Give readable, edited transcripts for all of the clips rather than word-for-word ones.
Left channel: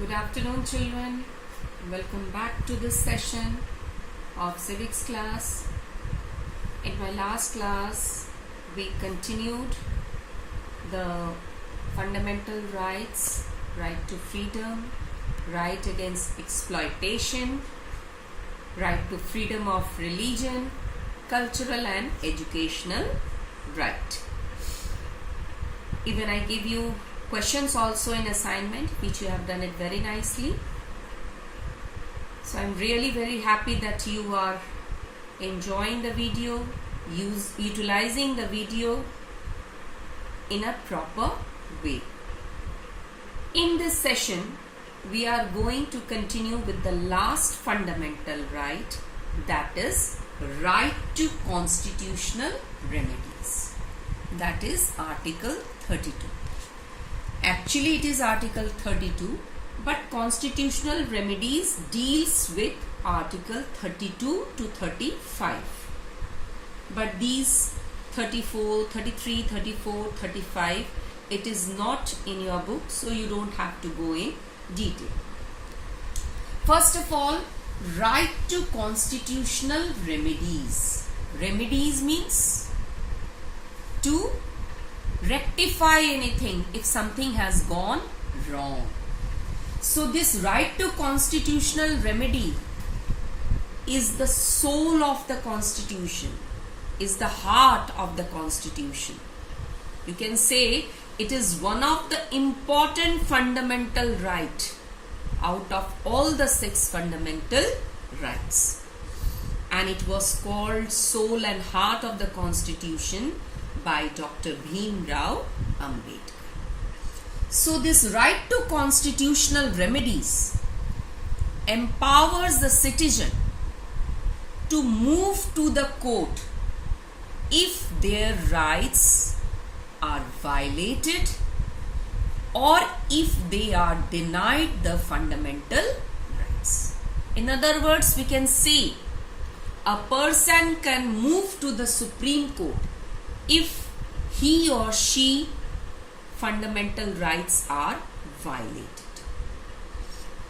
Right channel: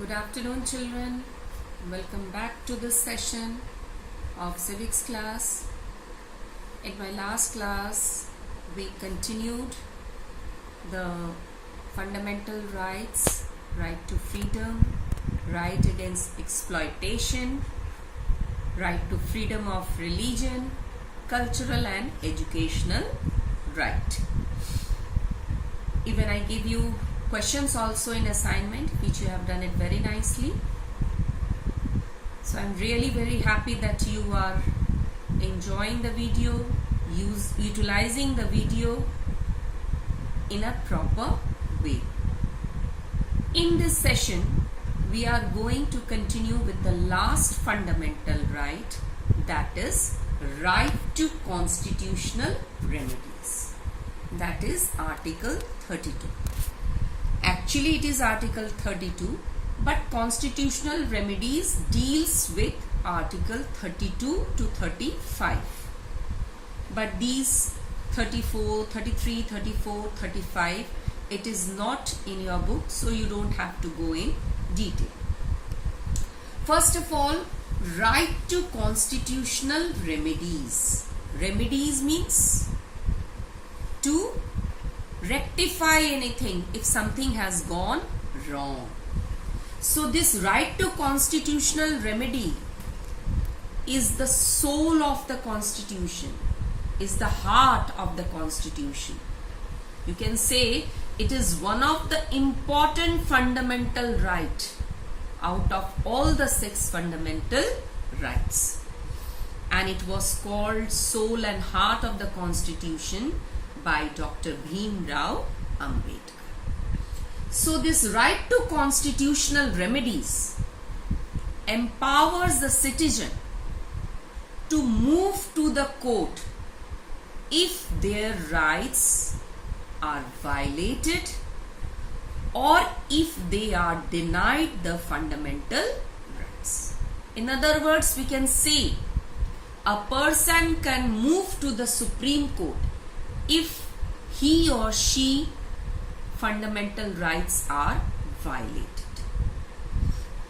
Good afternoon, children. Welcome back to this session of civics class. In my last class, we continued the fundamental rights, right to freedom, right against exploitation, right to freedom of religion, cultural and educational right. Even I give you questions also in assignment, which you have done it very nicely. So I'm really very happy that you are enjoying the video, utilizing the video in a proper way. In this session, we are going to continue with the last fundamental right, that is right to constitutional remedies. That is Article 32. Actually, it is Article 32, but constitutional remedies deals with Article 32 to 35. But these 34, 33, 34, 35, it is not in your book, so you don't have to go in detail. First of all, right to constitutional remedies. Remedies means to rectify anything if something has gone wrong. So this right to constitutional remedy is the soul of the constitution, is the heart of the constitution. You can say it is one of the important fundamental right out of all the 6 fundamental rights. And it was called soul and heart of the constitution by Dr. Bhim Rao Ambedkar. So this right to constitutional remedies empowers the citizen to move to the court if their rights are violated or if they are denied the fundamental rights. In other words, we can say a person can move to the Supreme Court if he or she fundamental rights are violated.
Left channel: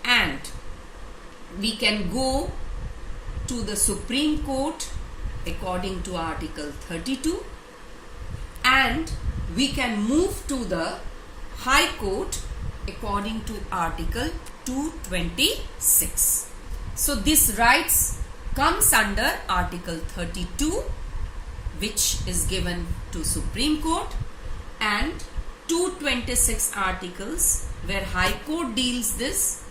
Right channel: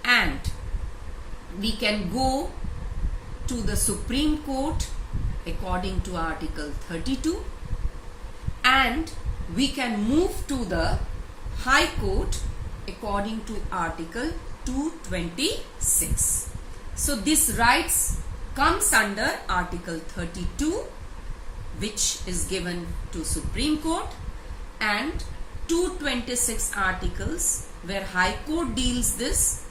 And we can go to the Supreme Court according to Article 32, and we can move to the High Court according to Article 226. So this rights comes under Article 32, which is given to Supreme Court, and 226 articles where High Court deals this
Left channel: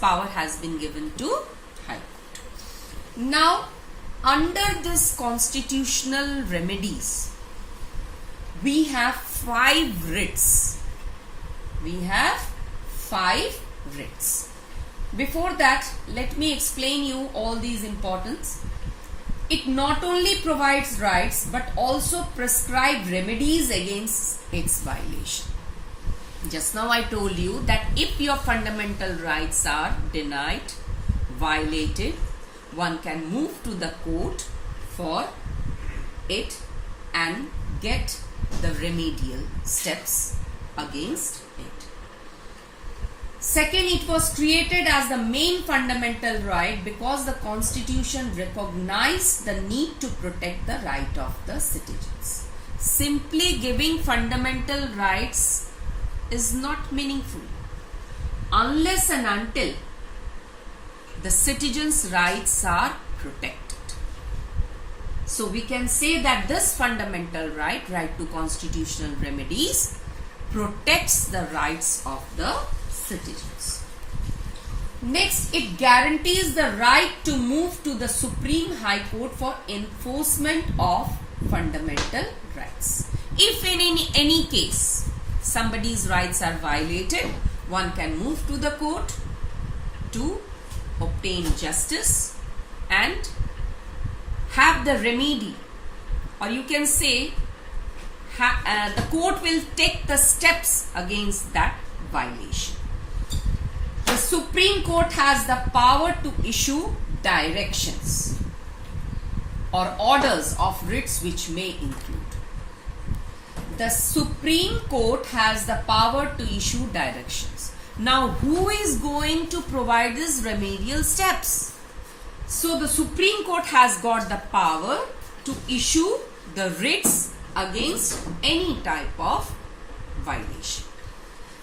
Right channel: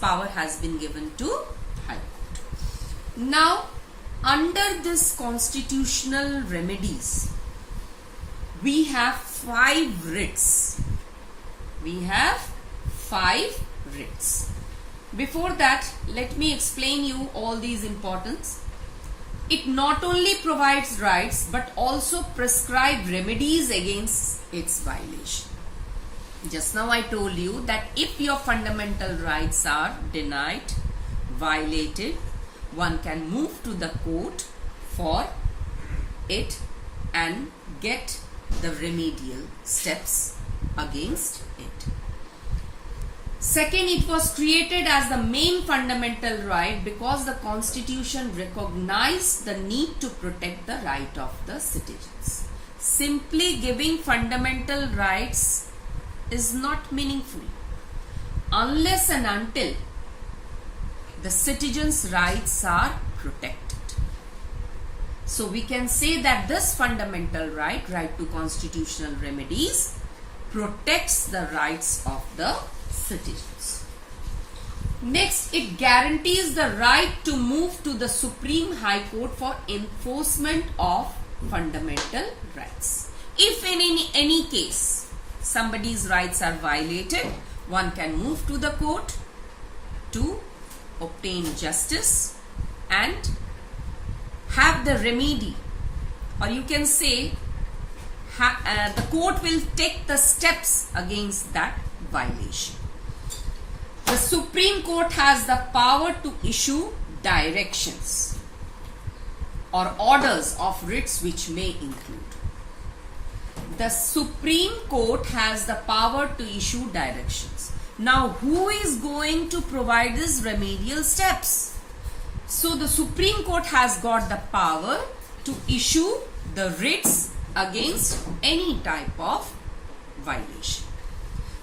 power has been given to High Court. Now, under this constitutional remedies, we have 5 writs. We have 5 writs. Before that, let me explain you all these importance. It not only provides rights but also prescribe remedies against its violation. Just now I told you that if your fundamental rights are denied, violated, one can move to the court for it and get the remedial steps against it. Second, it was created as the main fundamental right because the Constitution recognized the need to protect the right of the citizens. Simply giving fundamental rights is not meaningful unless and until the citizens' rights are protected. So we can say that this fundamental right, right to constitutional remedies, protects the rights of the citizens. Next, it guarantees the right to move to the Supreme High Court for enforcement of fundamental rights. If in any case somebody's rights are violated, one can move to the court to obtain justice and have the remedy, or you can say the court will take the steps against that violation. The Supreme Court has the power to issue directions or orders of writs which may include. The Supreme Court has the power to issue directions. Now, who is going to provide these remedial steps? So, the Supreme Court has got the power to issue the writs against any type of violation.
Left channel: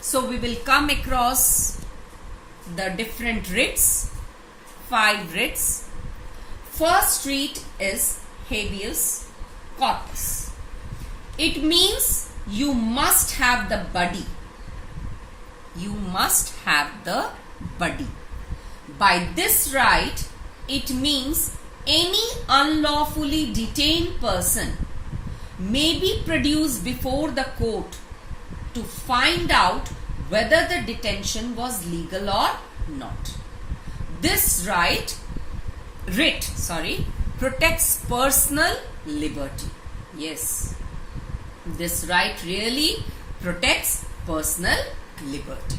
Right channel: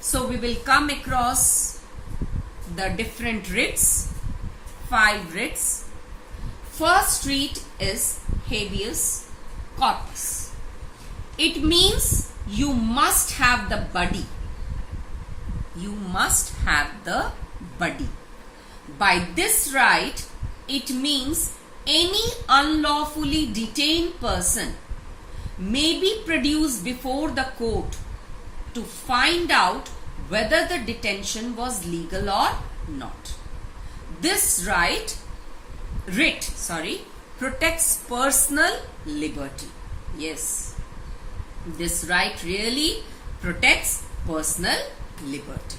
So, we will come across the different writs, 5 writs. First writ is habeas corpus. It means you must have the body. You must have the body. By this right, it means any unlawfully detained person may be produced before the court to find out whether the detention was legal or not. This writ protects personal liberty. Yes, this right really protects personal liberty.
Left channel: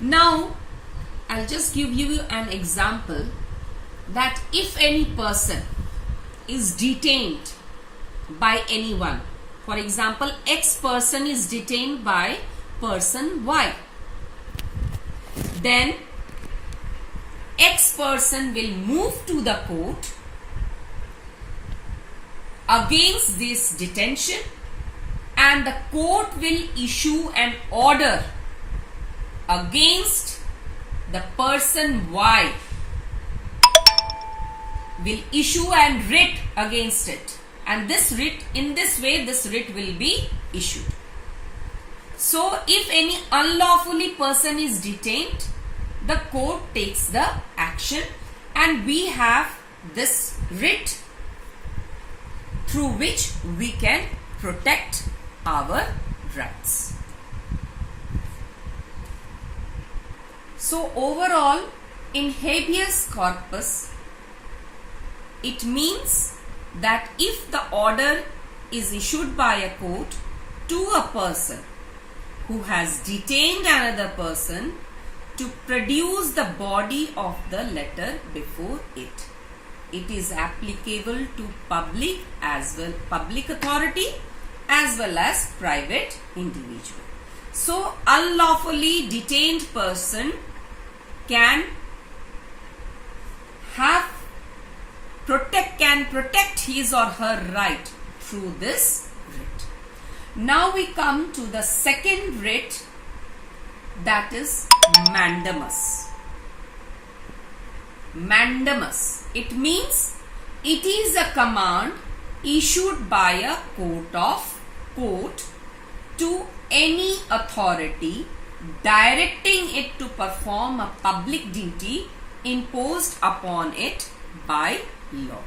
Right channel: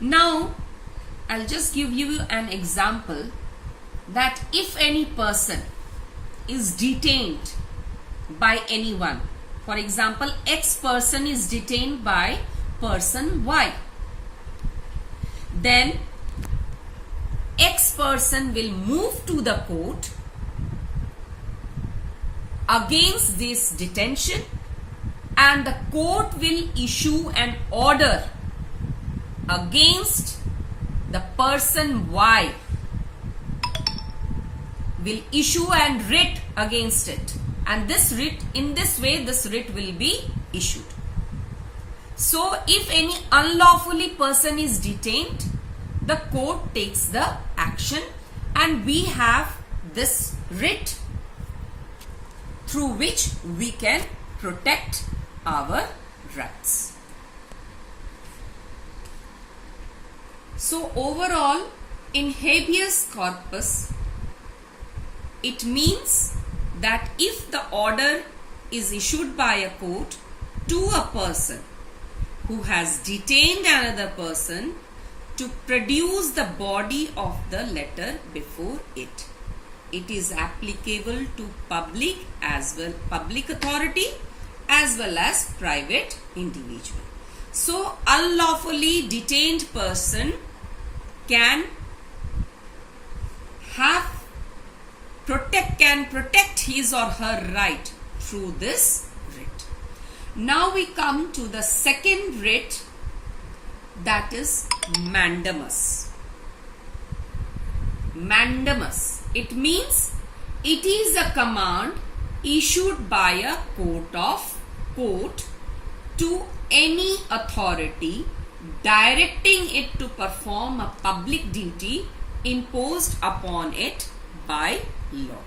Now, I'll just give you an example that if any person is detained by anyone, for example, X person is detained by person Y, then X person will move to the court against this detention, and the court will issue an order against the person Y, will issue an writ against it, and this writ, in this way this writ will be issued. So if any unlawfully person is detained, the court takes the action, and we have this writ through which we can protect our rights. So overall, in habeas corpus, it means that if the order is issued by a court to a person who has detained another person to produce the body of the letter before it, it is applicable to public authority as well as private individual. So unlawfully detained person can protect his or her right through this writ. Now we come to the second writ, that is mandamus. Mandamus, it means it is a command issued by a court to any authority directing it to perform a public duty imposed upon it by law.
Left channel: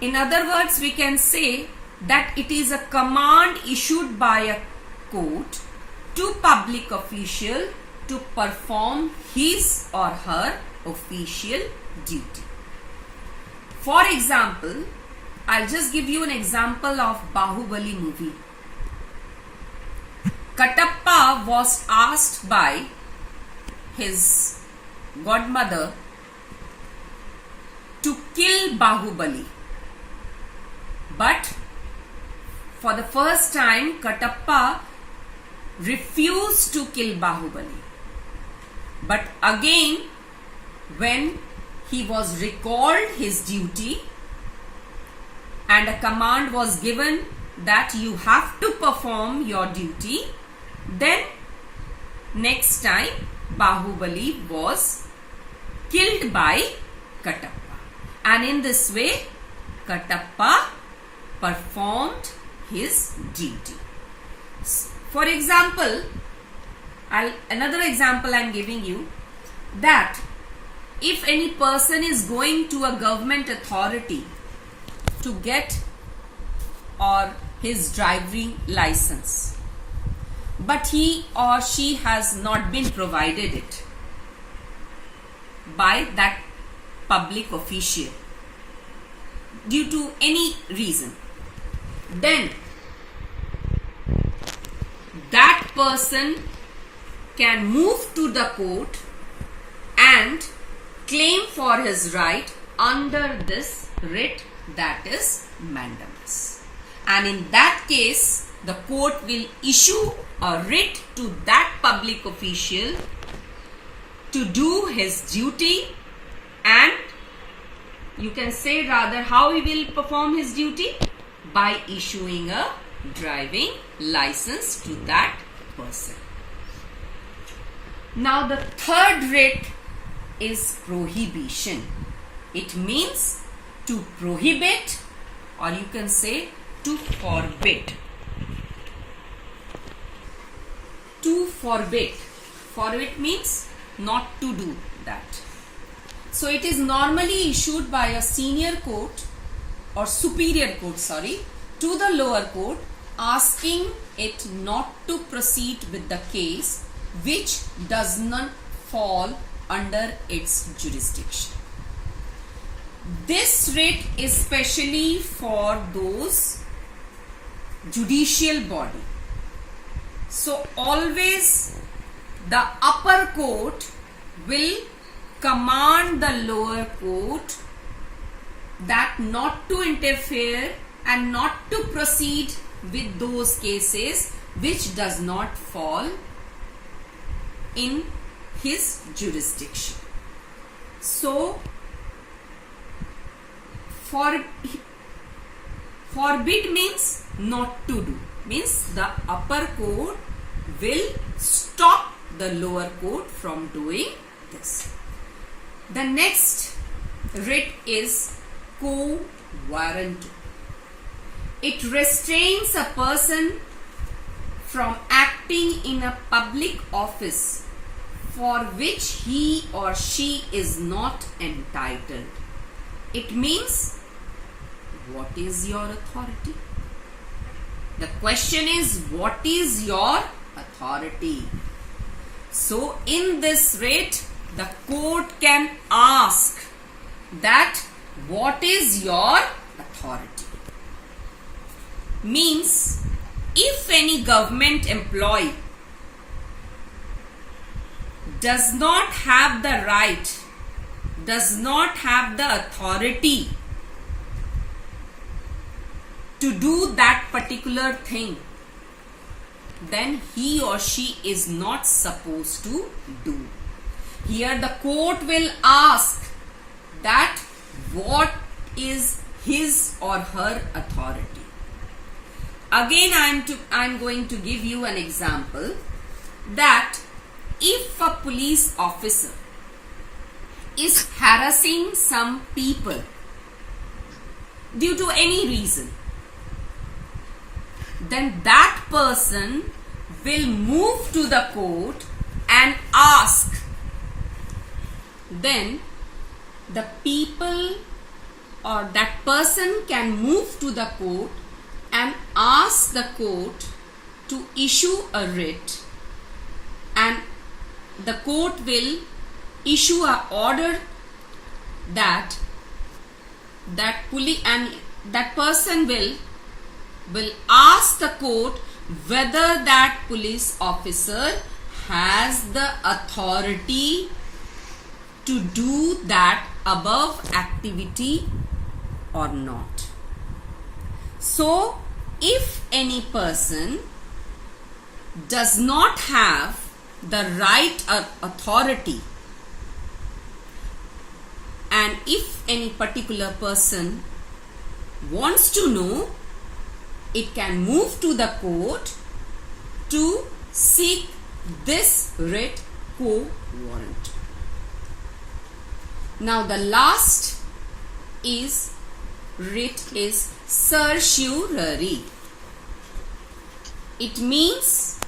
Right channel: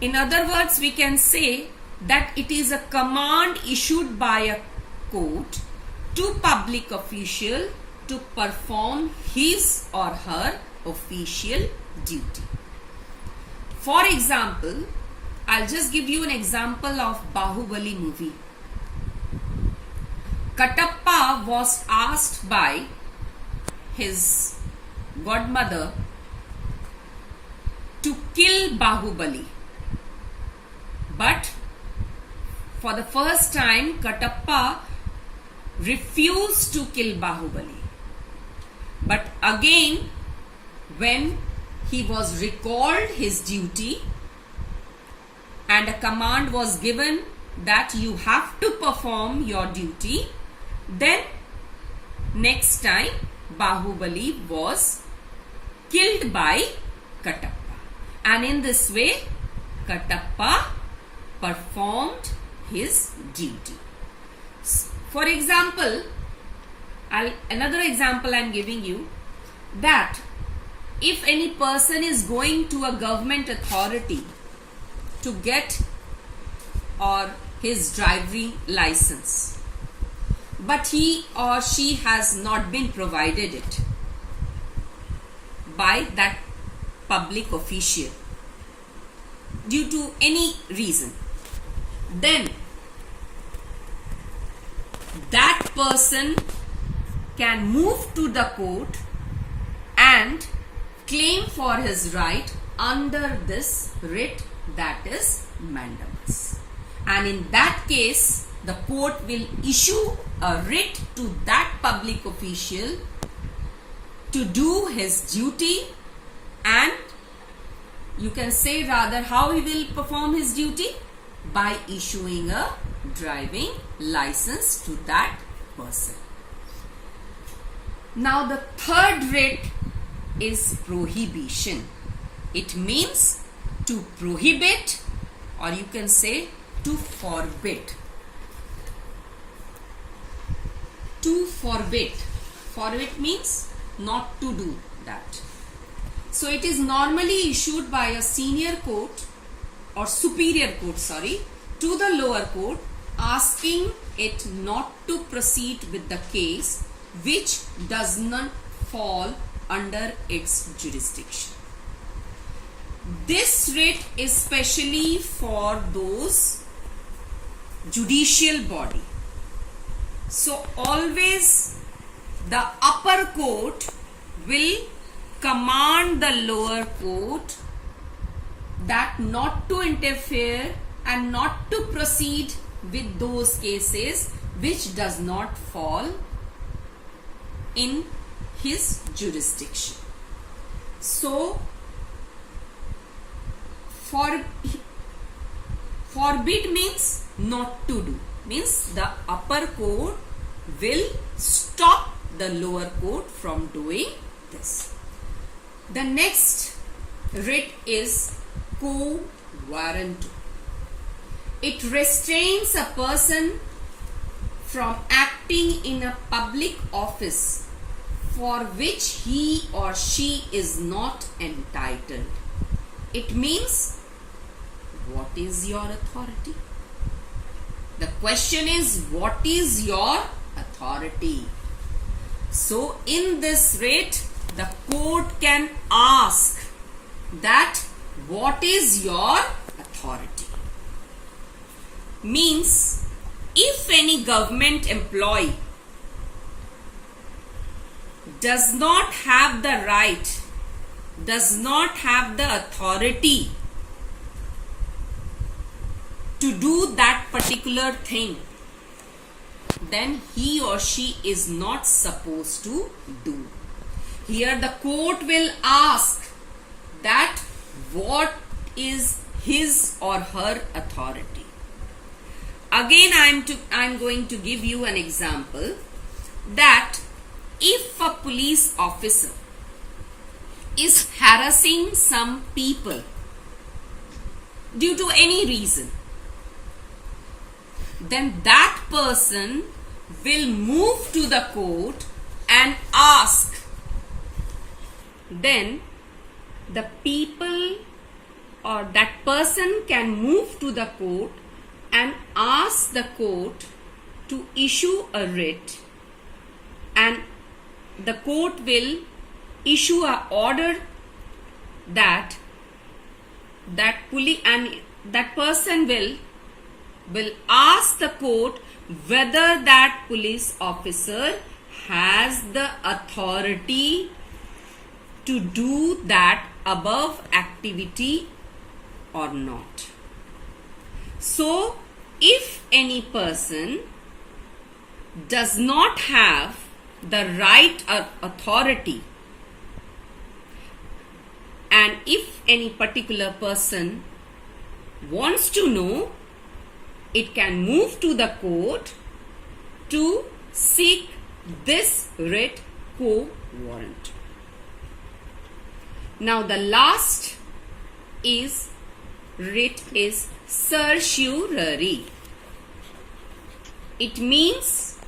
In other words, we can say that it is a command issued by a court to public official to perform his or her official duty. For example, I'll just give you an example of Bahubali movie. Katappa was asked by his godmother to kill Bahubali. But for the first time, Katappa refused to kill Bahubali. But again, when he was recalled his duty and a command was given that you have to perform your duty, then next time Bahubali was killed by Katappa. And in this way, Katappa performed his duty. For example, another example I am giving you, that if any person is going to a government authority to get or his driving license, but he or she has not been provided it by that public official due to any reason, then that person can move to the court and claim for his right under this writ, that is mandamus. And in that case, the court will issue a writ to that public official to do his duty, and you can say rather how he will perform his duty by issuing a driving license to that person. Now the third writ is prohibition. It means to prohibit, or you can say to forbid. To forbid. Forbid means not to do that. So it is normally issued by a senior court or superior court, to the lower court, asking it not to proceed with the case which does not fall under its jurisdiction. This writ is specially for those judicial body. So always the upper court will command the lower court that not to interfere and not to proceed with those cases which does not fall in his jurisdiction. So forbid means not to do, means the upper court will stop the lower court from doing this. The next writ is quo warranto. It restrains a person from acting in a public office for which he or she is not entitled. It means, what is your authority? The question is, what is your authority? So in this writ, the court can ask that what is your authority? Means, if any government employee does not have the right, does not have the authority to do that particular thing, then he or she is not supposed to do. Here the court will ask that what is his or her authority. Again, I am going to give you an example that if a police officer is harassing some people due to any reason, then that person will move to the court and ask. Then the people or that person can move to the court and ask the court to issue a writ, and the court will issue an order that person will ask the court whether that police officer has the authority to do that above activity or not. So if any person does not have the right or authority, and if any particular person wants to know, it can move to the court to seek this writ quo warranto. Now the last writ is certiorari. It means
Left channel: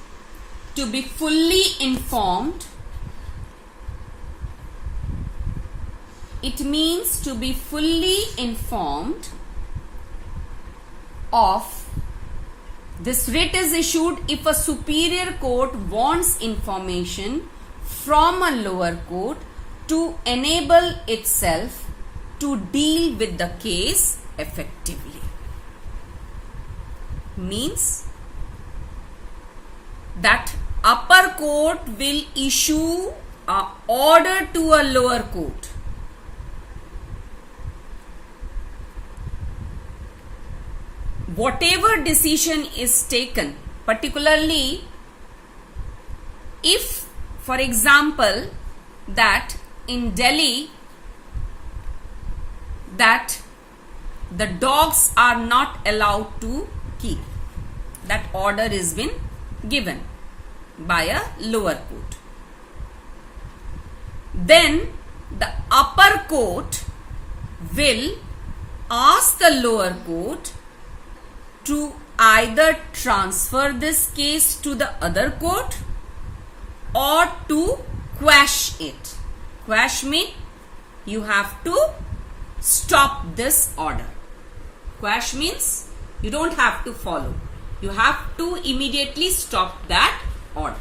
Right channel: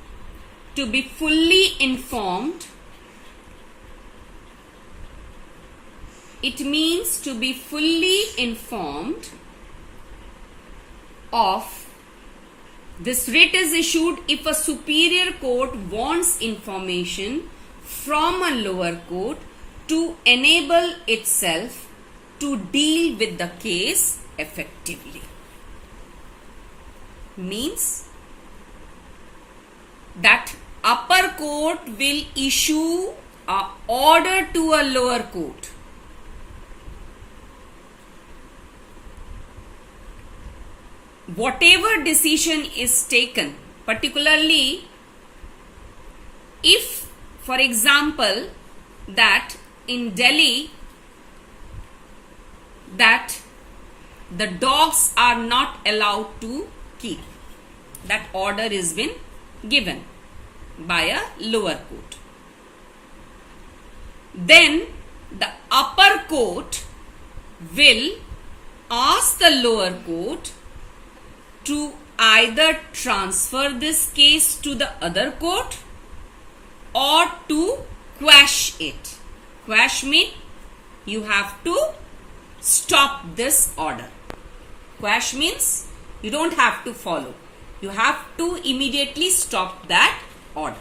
to be fully informed. It means to be fully informed of. This writ is issued if a superior court wants information from a lower court to enable itself to deal with the case effectively. Means that upper court will issue an order to a lower court whatever decision is taken, particularly if, for example, that in Delhi, that the dogs are not allowed to keep, that order is been given by a lower court, then the upper court will ask the lower court to either transfer this case to the other court or to quash it. Quash means you have to stop this order. Quash means you don't have to follow. You have to immediately stop that order.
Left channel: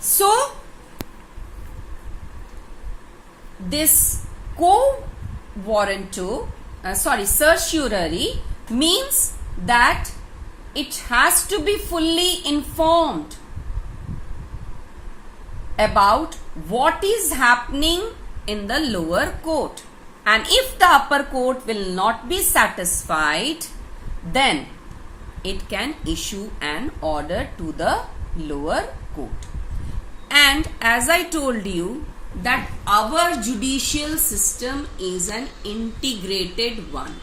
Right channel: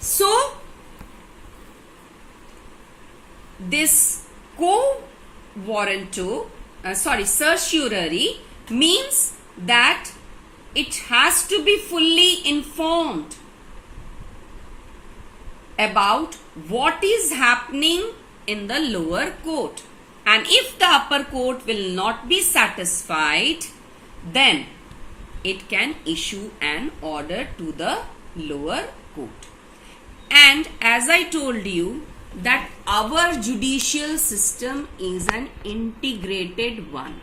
So, this certiorari means that it has to be fully informed about what is happening in the lower court, and if the upper court will not be satisfied, then it can issue an order to the lower court. And as I told you, that our judicial system is an integrated one.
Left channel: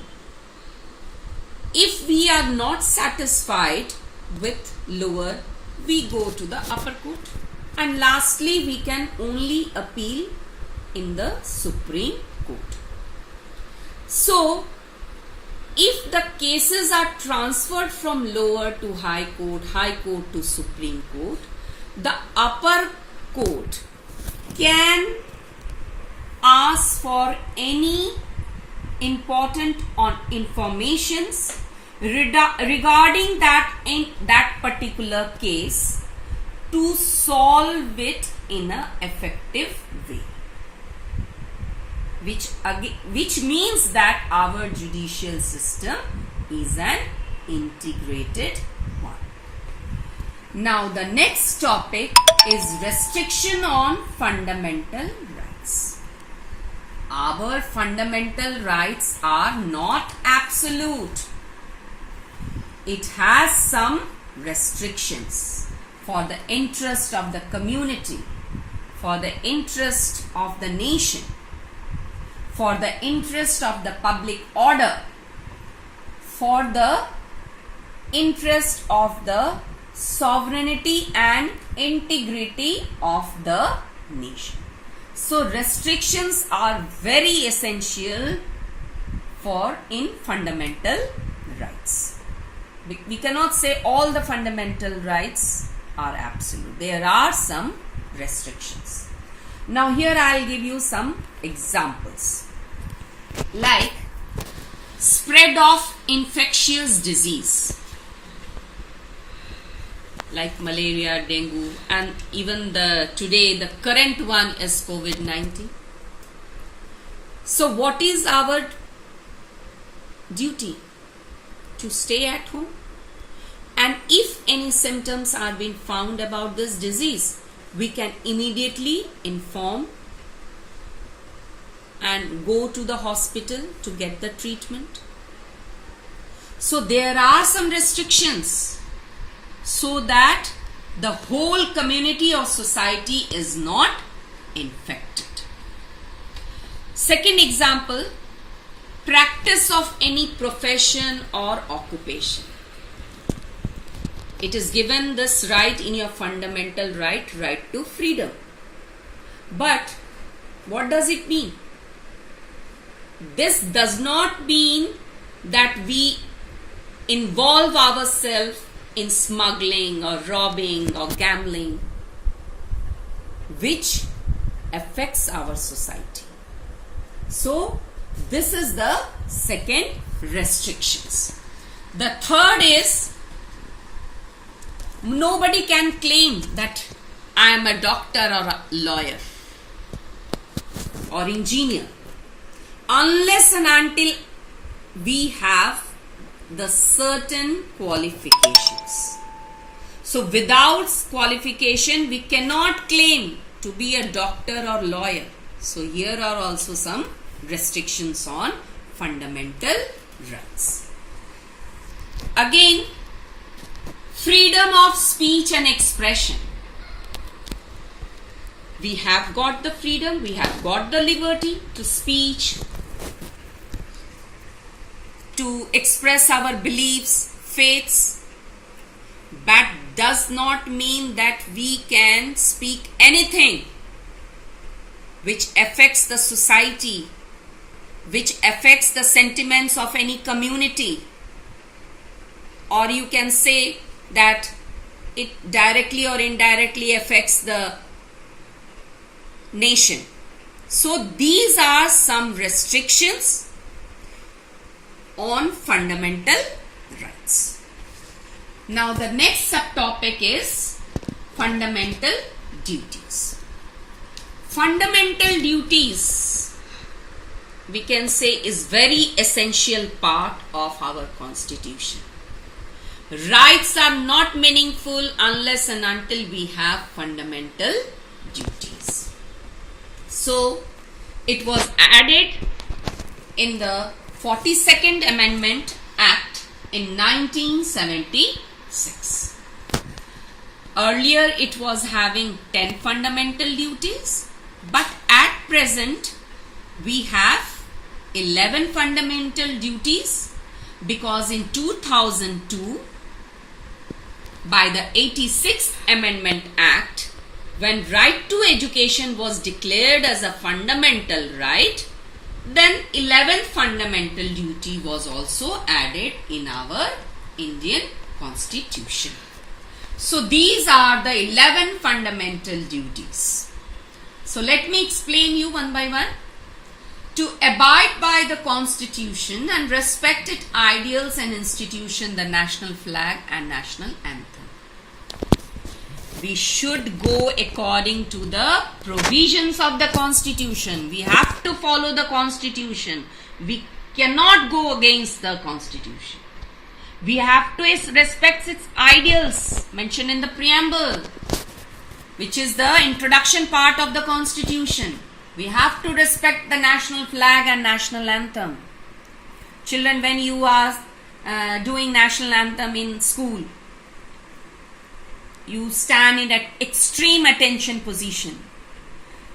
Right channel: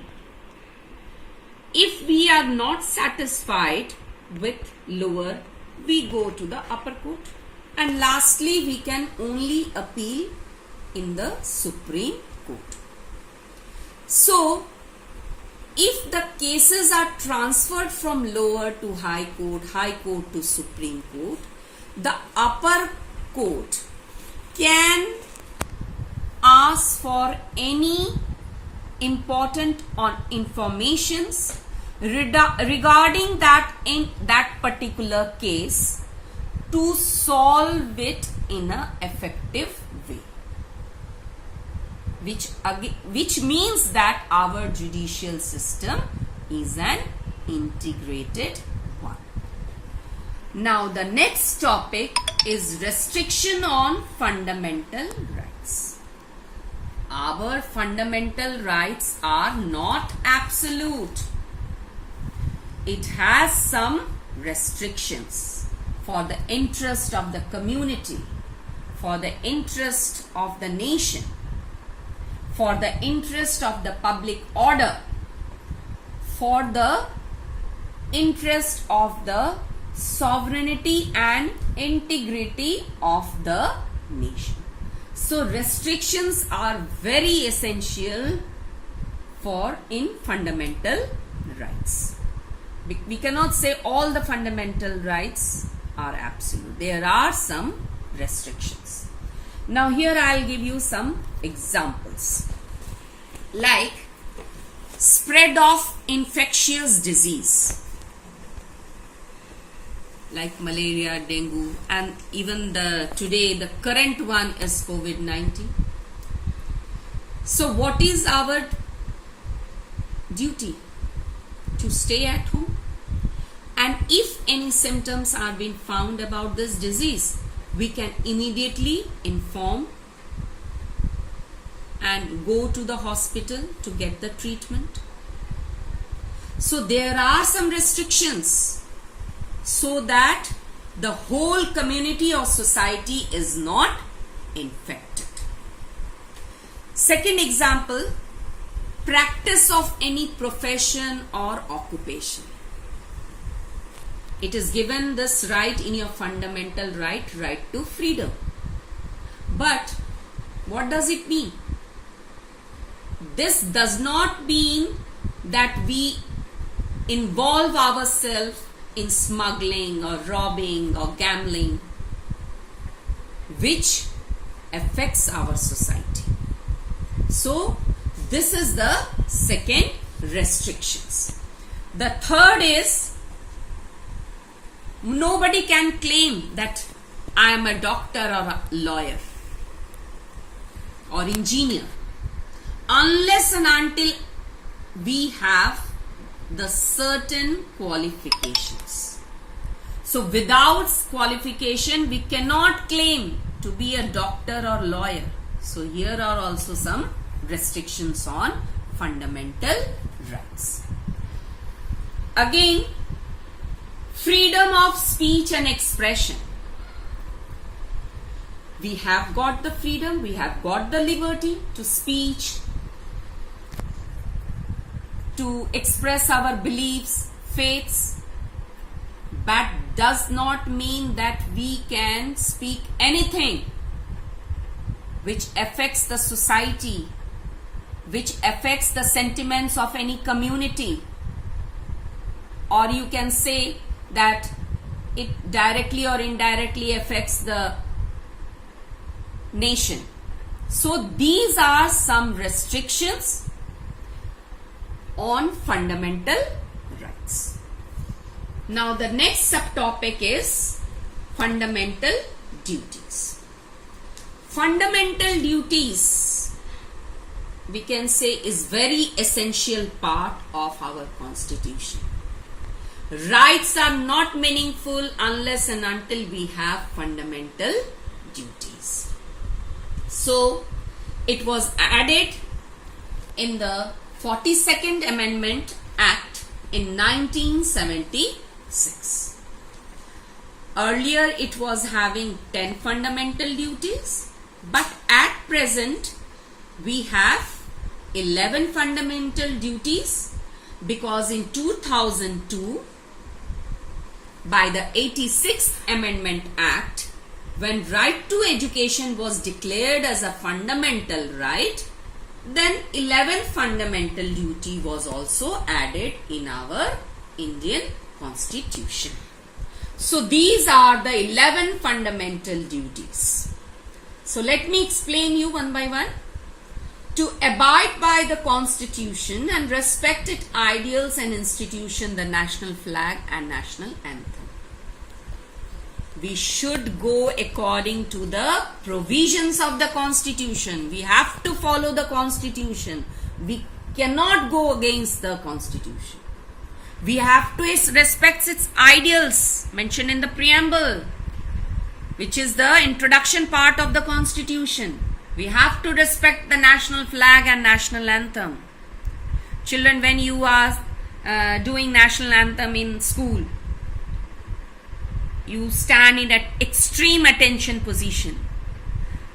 If we are not satisfied with lower, we go to the upper court, and lastly we can only appeal in the Supreme Court. So, if the cases are transferred from lower to high court to Supreme Court, the upper court can ask for any important informations regarding that particular case to solve it in an effective way, which means that our judicial system is an integrated one. Now the next topic is restriction on fundamental rights. Our fundamental rights are not absolute. It has some restrictions for the interest of the community, for the interest of the nation, for the interest of the public order, for the interest of the sovereignty and integrity of the nation. So restrictions are very essential in fundamental rights. We cannot say all the fundamental rights are absolute. There are some restrictions. Now here I will give you some examples. Like spread of infectious disease, like malaria, dengue, and even today the current one is COVID-19. So what is our duty? To stay at home, and if any symptoms are being found about this disease, we can immediately inform and go to the hospital to get the treatment. So there are some restrictions so that the whole community or society is not infected. Second example, practice of any profession or occupation. It is given this right in your fundamental right to freedom. But what does it mean? This does not mean that we involve ourselves in smuggling or robbing or gambling, which affects our society. So, this is the second restrictions. The third is, nobody can claim that I am a doctor or a lawyer or engineer unless and until we have the certain qualifications. So without qualification, we cannot claim to be a doctor or lawyer. So here are also some restrictions on fundamental rights. Again, freedom of speech and expression. We have got the freedom, we have got the liberty to speech, to express our beliefs, faiths. That does not mean that we can speak anything which affects the society, which affects the sentiments of any community, or you can say that it directly or indirectly affects the nation. So these are some restrictions on fundamental rights. Now the next subtopic is fundamental duties. Fundamental duties, we can say, is very essential part of our constitution. Rights are not meaningful unless and until we have fundamental duties. So it was added in the 42nd Amendment Act in 1976. Earlier it was having 10 fundamental duties, but at present we have 11 fundamental duties, because in 2002, by the 86th Amendment Act, when right to education was declared as a fundamental right, then 11th fundamental duty was also added in our Indian Constitution. So these are the 11 fundamental duties. So let me explain you one by one. To abide by the Constitution and respect its ideals and institution, the national flag and national anthem. We should go according to the provisions of the Constitution. We have to follow the Constitution. We cannot go against the Constitution. We have to respect its ideals mentioned in the preamble, which is the introduction part of the Constitution. We have to respect the national flag and national anthem. Children, when you are doing national anthem in school, you stand in an extreme attention position.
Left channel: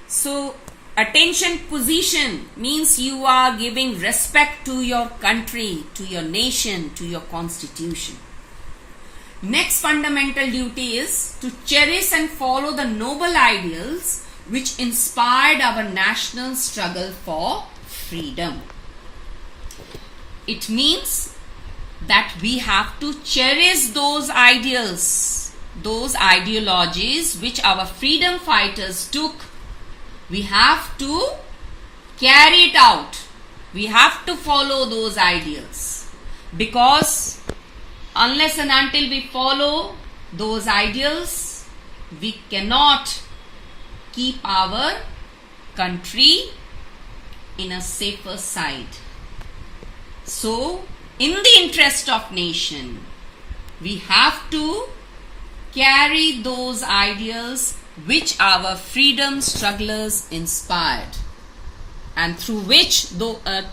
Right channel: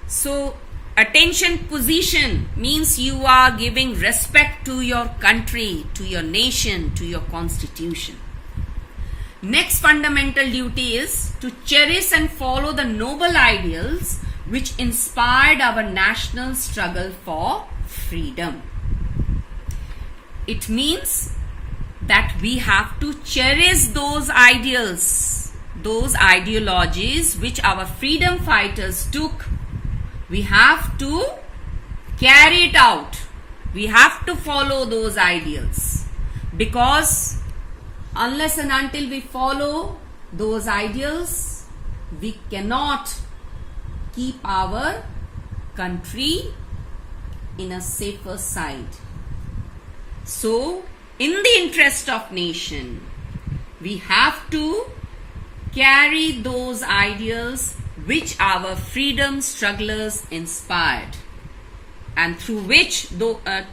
So attention position means you are giving respect to your country, to your nation, to your constitution. Next fundamental duty is to cherish and follow the noble ideals which inspired our national struggle for freedom. It means that we have to cherish those ideals, those ideologies which our freedom fighters took. We have to carry it out. We have to follow those ideals, because unless and until we follow those ideals, we cannot keep our country in a safer side. So, in the interest of nation, we have to carry those ideals which our freedom strugglers inspired, and through which,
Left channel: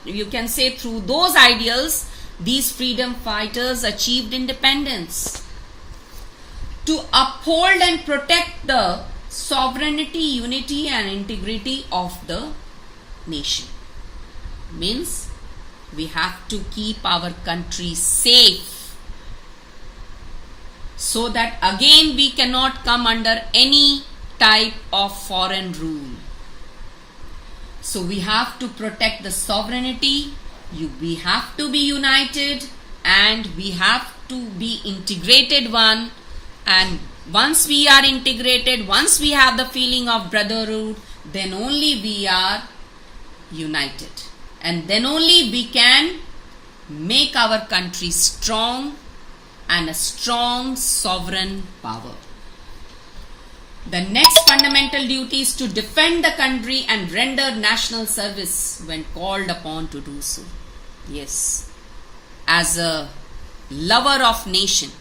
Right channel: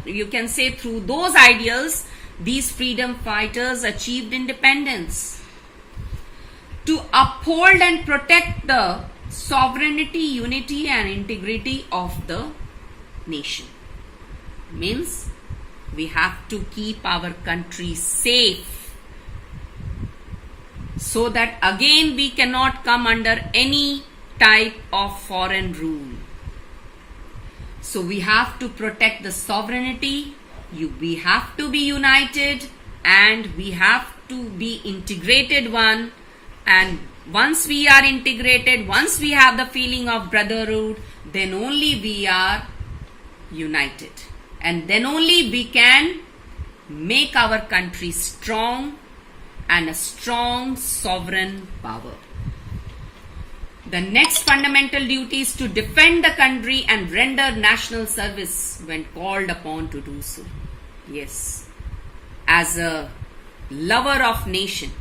you can say through those ideals, these freedom fighters achieved independence. To uphold and protect the sovereignty, unity and integrity of the nation means we have to keep our country safe, so that again we cannot come under any type of foreign rule. So we have to protect the sovereignty, we have to be united, and we have to be integrated one. And once we are integrated, once we have the feeling of brotherhood, then only we are united, and then only we can make our country strong and a strong sovereign power. The next fundamental duty is to defend the country and render national service when called upon to do so. Yes, as a lover of nation,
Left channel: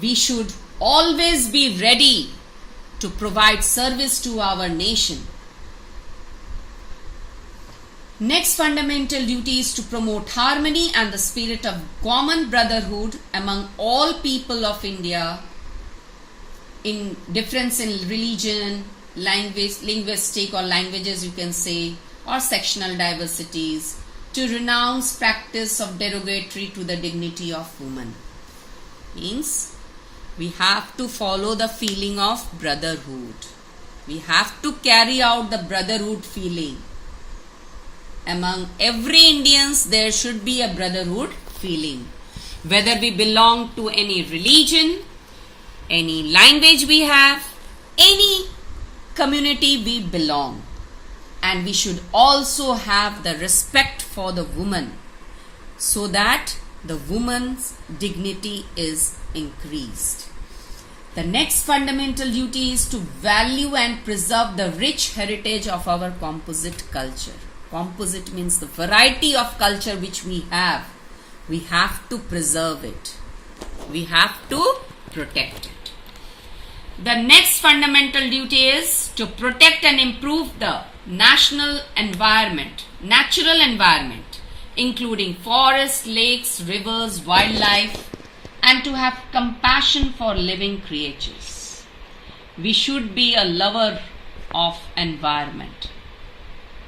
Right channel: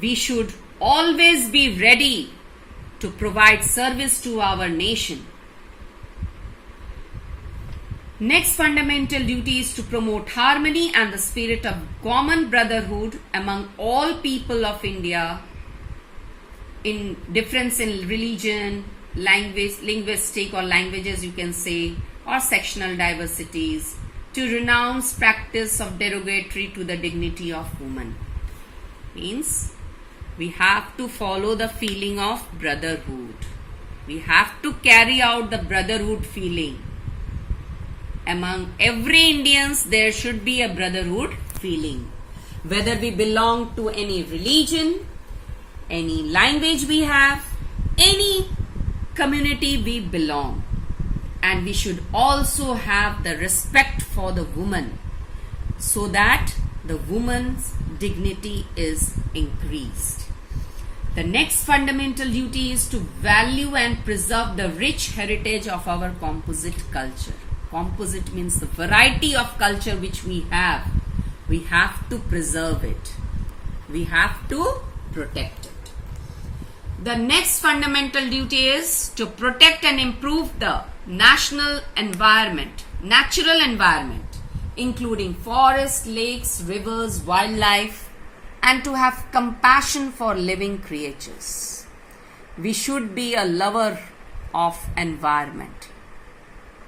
we should always be ready to provide service to our nation. Next fundamental duty is to promote harmony and the spirit of common brotherhood among all people of India in difference in religion, language, linguistic or languages you can say, or sectional diversities, to renounce practice of derogatory to the dignity of woman. Means we have to follow the feeling of brotherhood. We have to carry out the brotherhood feeling. Among every Indians there should be a brotherhood feeling. Whether we belong to any religion, any language we have, any community we belong. And we should also have the respect for the woman so that the woman's dignity is increased. The next fundamental duty is to value and preserve the rich heritage of our composite culture. Composite means the variety of culture which we have. We have to preserve it. We have to protect it. The next fundamental duty is to protect and improve the national environment, natural environment, including forests, lakes, rivers, wildlife, and to have compassion for living creatures. We should be a lover of environment.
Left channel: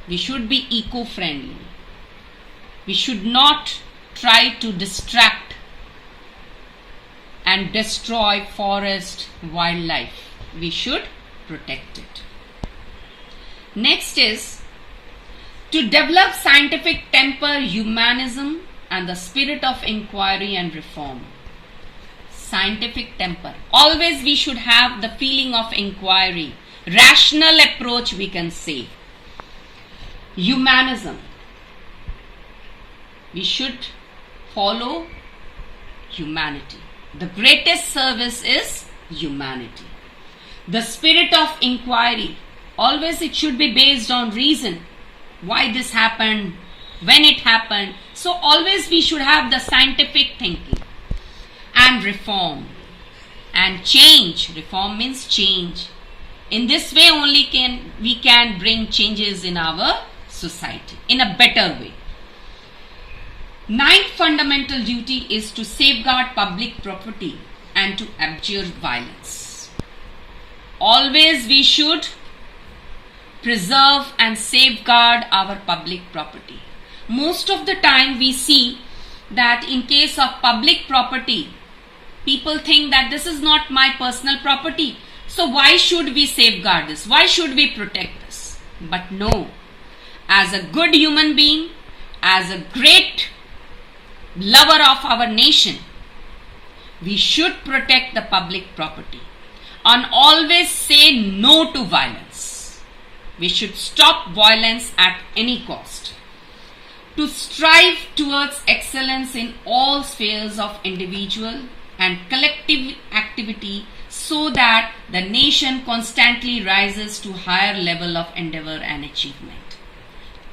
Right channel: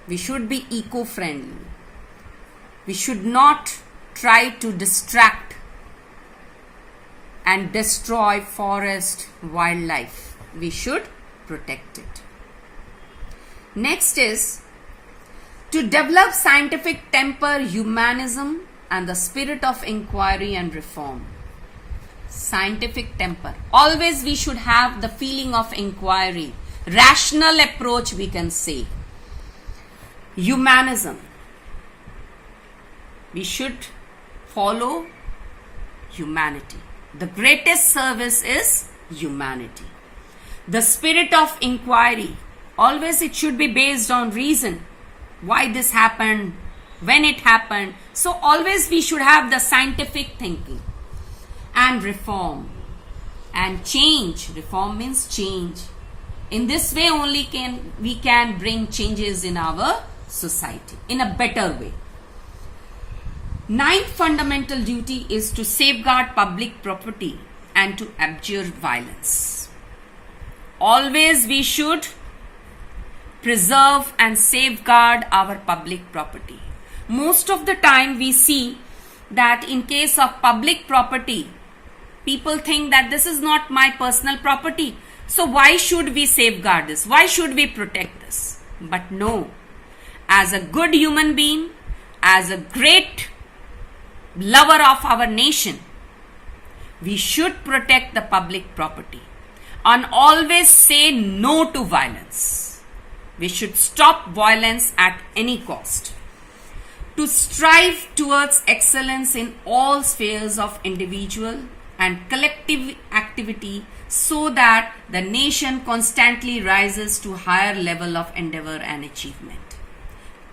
We should be eco-friendly. We should not try to distract and destroy forest, wildlife. We should protect it. Next is to develop scientific temper, humanism, and the spirit of inquiry and reform. Scientific temper. Always we should have the feeling of inquiry, rational approach we can say. Humanism. We should follow humanity. The greatest service is humanity. The spirit of inquiry. Always it should be based on reason. Why this happened, when it happened. So always we should have the scientific thinking. And reform. And change. Reform means change. In this way only we can bring changes in our society in a better way. Ninth fundamental duty is to safeguard public property and to abjure violence. Always we should preserve and safeguard our public property. Most of the time we see that in case of public property, people think that this is not my personal property. So why should we safeguard this? Why should we protect this? But no, as a good human being, as a great lover of our nation, we should protect the public property and always say no to violence. We should stop violence at any cost. To strive towards excellence in all spheres of individual and collective activity so that the nation constantly rises to higher level of endeavor and achievement.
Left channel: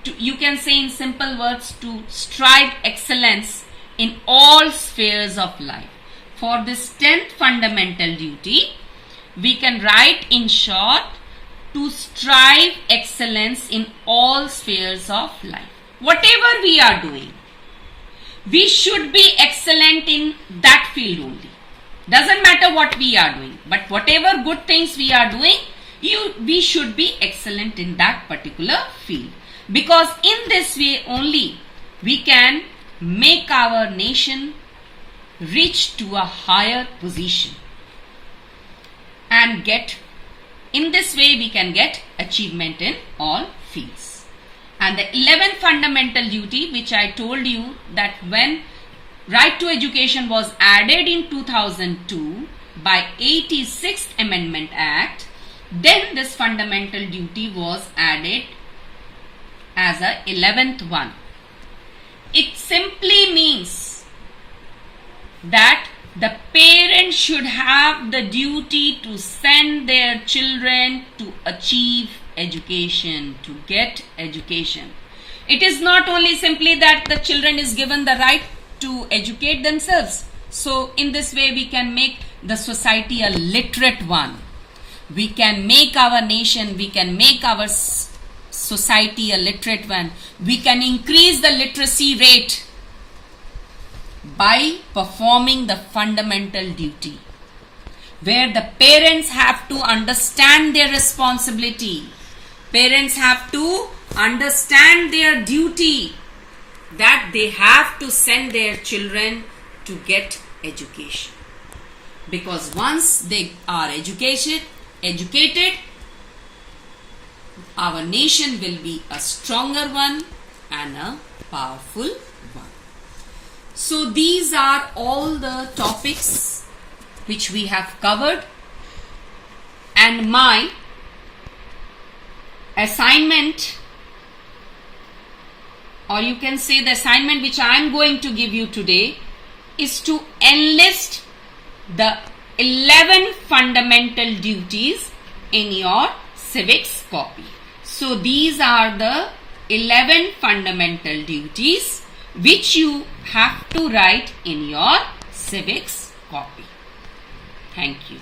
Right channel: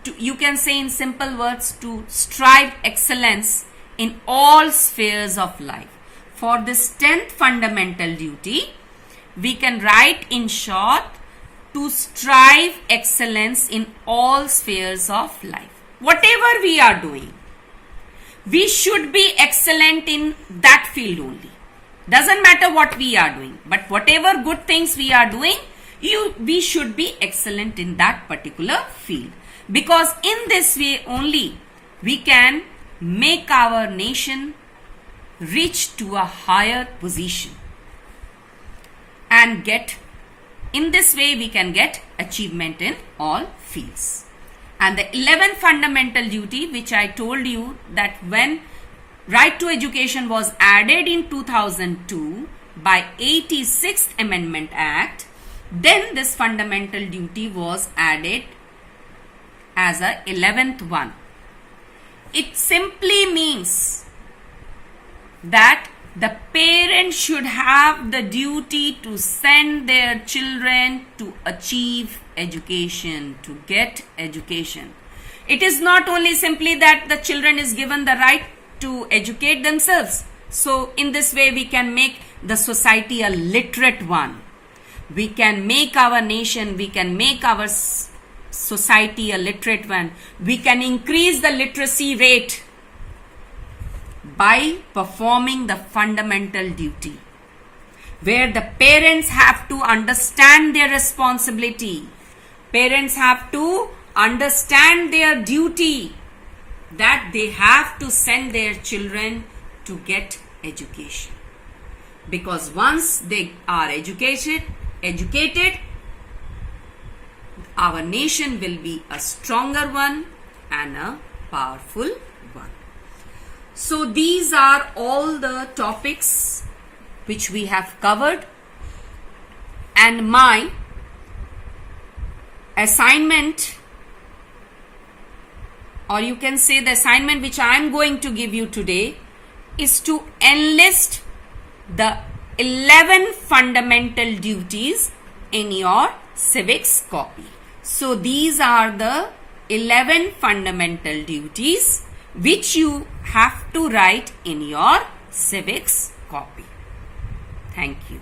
You can say in simple words, to strive excellence in all spheres of life. For this 10th fundamental duty, we can write in short, to strive excellence in all spheres of life. Whatever we are doing, we should be excellent in that field only. Doesn't matter what we are doing, but whatever good things we are doing, we should be excellent in that particular field. Because in this way only, we can make our nation reach to a higher position and in this way we can get achievement in all fields. And the 11th fundamental duty, which I told you, that when right to education was added in 2002 by 86th Amendment Act, then this fundamental duty was added as a 11th one. It simply means that the parents should have the duty to send their children to achieve education, to get education. It is not only simply that the children is given the right to educate themselves. So in this way we can make the society a literate one. We can make our nation, we can make our society a literate one. We can increase the literacy rate by performing the fundamental duty. where the parents have to understand their responsibility. Parents have to understand their duty, that they have to send their children to get education. Because once they are educated, our nation will be a stronger one and a powerful one. So these are all the topics which we have covered, and my assignment, or you can say the assignment which I am going to give you today, is to enlist the 11 fundamental duties in your civics copy. So these are the 11 fundamental duties which you have to write in your civics copy. Thank you.